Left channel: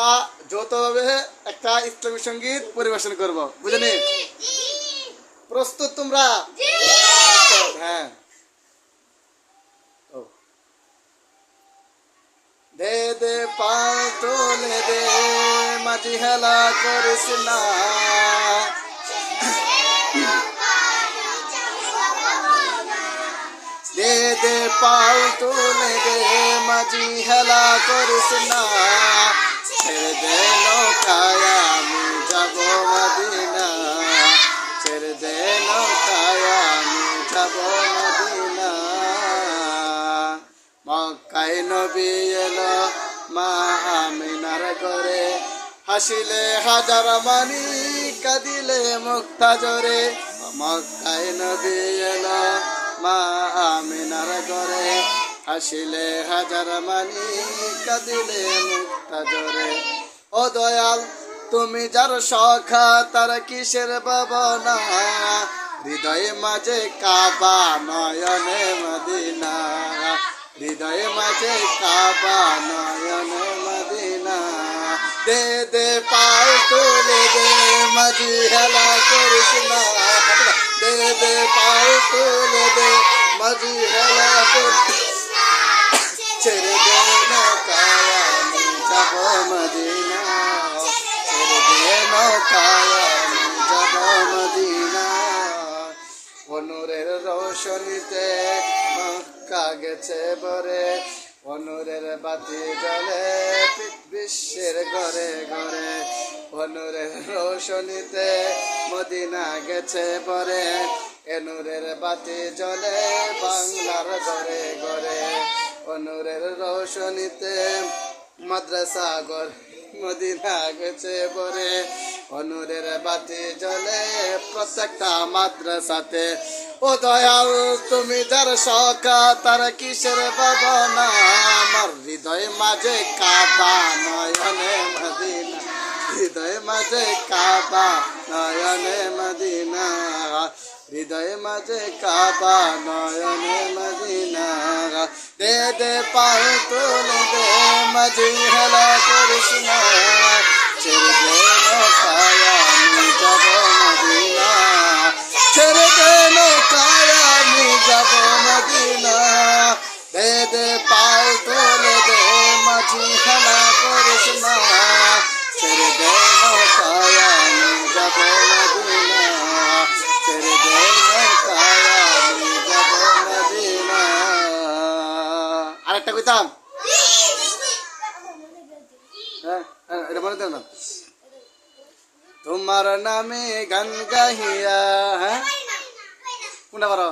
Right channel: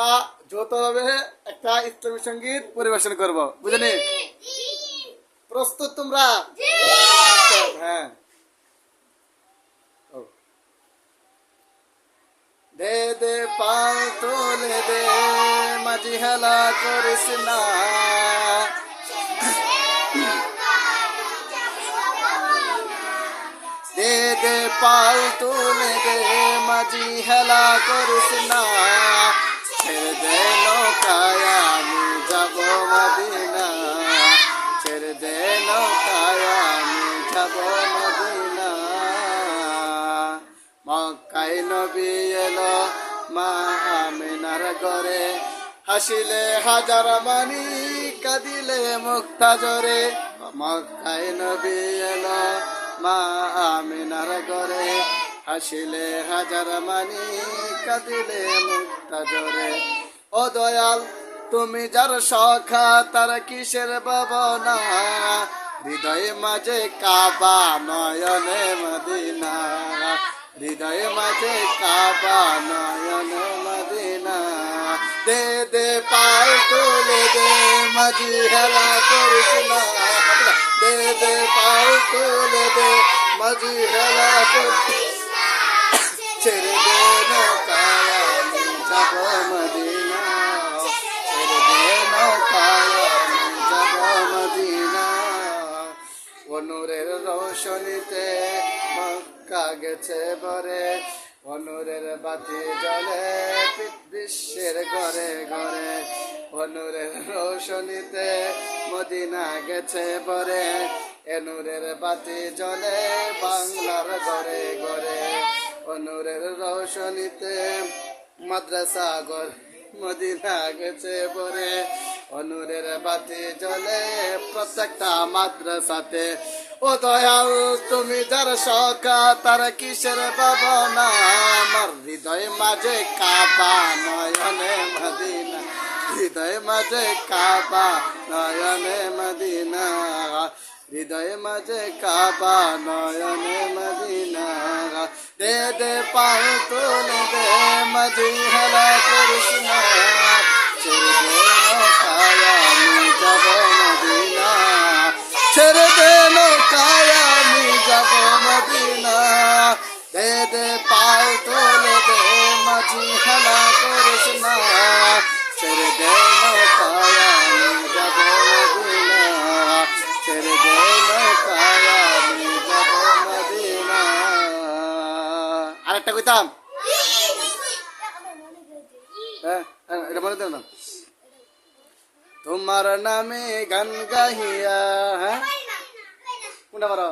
আমরা যৌথভাবে একটা ইসলামী সঙ্গীত পরিবেশন করব, বুঝলি? প্রস্তুত তোমরা? হ্যাঁ। দে দে পাল তোলে দে, মাঝি হেলা করিস না। দে দে পাল তোলে দে, মাঝি হেলা করিস না। ছেড়ে দে নৌকায় আমি যাব মদিনা, ছেড়ে দে নৌকায় আমি যাব মদিনা। মক্কায় নবী এলো মা আমিনার ঘরে, হাসিলে হাজার মানি কাঁদিলে মুক্তা জোরে। মক্কায় নবী এলো মা আমিনার ঘরে, হাসিলে হাজার মানি কাঁদিলে মুক্তা জোরে। ও দয়াল তুমি যার সখা তার কিসের ভাবনা, হৃদয়ে মাঝে কাবা নয়নে মদিনা, হৃদয়ে মাঝে কাবা নয়নে মদিনা। দে দে পাল তুলে দে, মাঝি হেলা করিস না। দে দে পাল তুলে দে, মাঝি হেলা করিস। ছেড়ে দে নৌকায় আমি যাব মদিনা, ছেড়ে দে নৌকায় আমি যাব মদিনা। অনুরের রোশনীতে মক্কা গেছে ভরে, অনুরের বাতি জ্বলে বিশ্বের ঘরে ঘরে। অনুরের রোশনীতে মদিনা গেছে ভরে, এনুরের বাতি জ্বলে বাংলার ঘরে ঘরে। অনুরের রোশনীতে মাদ্রাসা ঘর মদিনা গেছে ভরে, অনুরের বাতি জ্বলে প্রত্যেকটা মাদ্রাসাতে। ও দয়াল তুমি যার সখা তার কিসের ভাবনা, আমার হৃদয় মাঝে কাবা নয়নে মদিনা, হৃদয় মাঝে কাবা নয়নে মদিনা, হৃদয় মাঝে কাবা নয়নে মদিনা। দে দে পাল তোলে দে, মাঝি হেলা করিস না। ছেড়ে দে নৌকায় আমি যাব মদিনা, ছেড়ে দে নৌকায় আমি যাব মদিনা। দে দে পাল তোলে দে, মাঝি হেলা করিস না। ছেড়ে দে নৌকায় আমি যাব মদিনা, ছেড়ে দে নৌকায় আমি যাব মদিনা। আরেকটা কইতাম, হ্যাঁ এটা মনে দেও না। তোমার নামে গান গাহিয়া, হ্যাঁ কোনটা পারো?